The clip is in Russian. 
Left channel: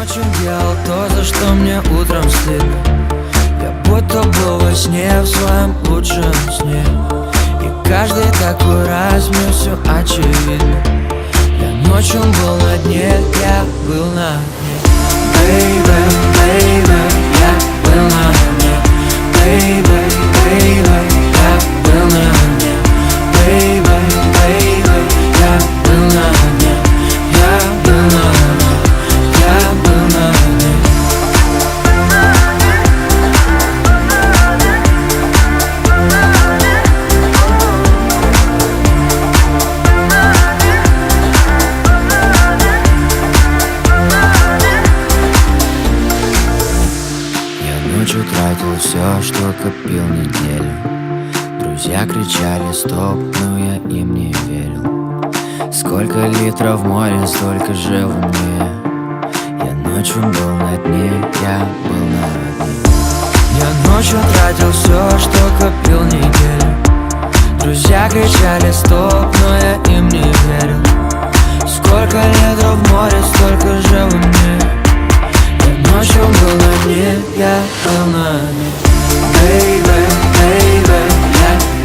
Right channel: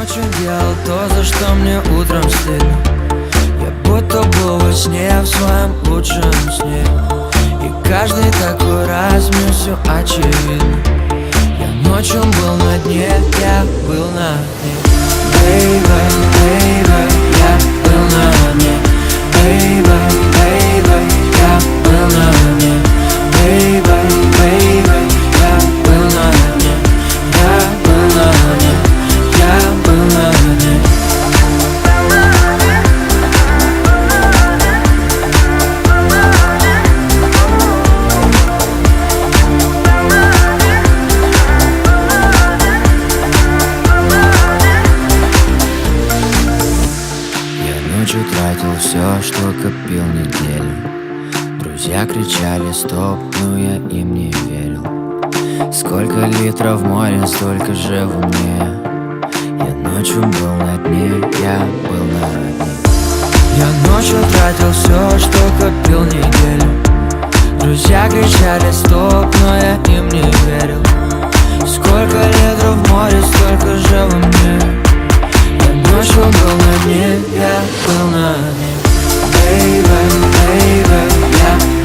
ночью делал то, за что мне утром стыдно. Я будто был во сне, в своем лучшем сне. И каждый такой раз мне все очевидно. Я ночью был на дне, я был на дне. Baby, baby, я был на дне. Baby, baby, я был на дне. Baby, baby, я был на дне. Я был на дне. Я был на дне. Я ночью тратил все, что копил неделю. Друзья кричали стоп, но я им не верил. Сколько литров в море, столько же в мне. Я ночью был на дне, я был на дне. Я ночью тратил все, что копил неделю. Друзья кричали стоп, но я им не верил. Сколько литров в море, столько же во мне. Я ночью был на дне, я был на дне. Baby, baby, я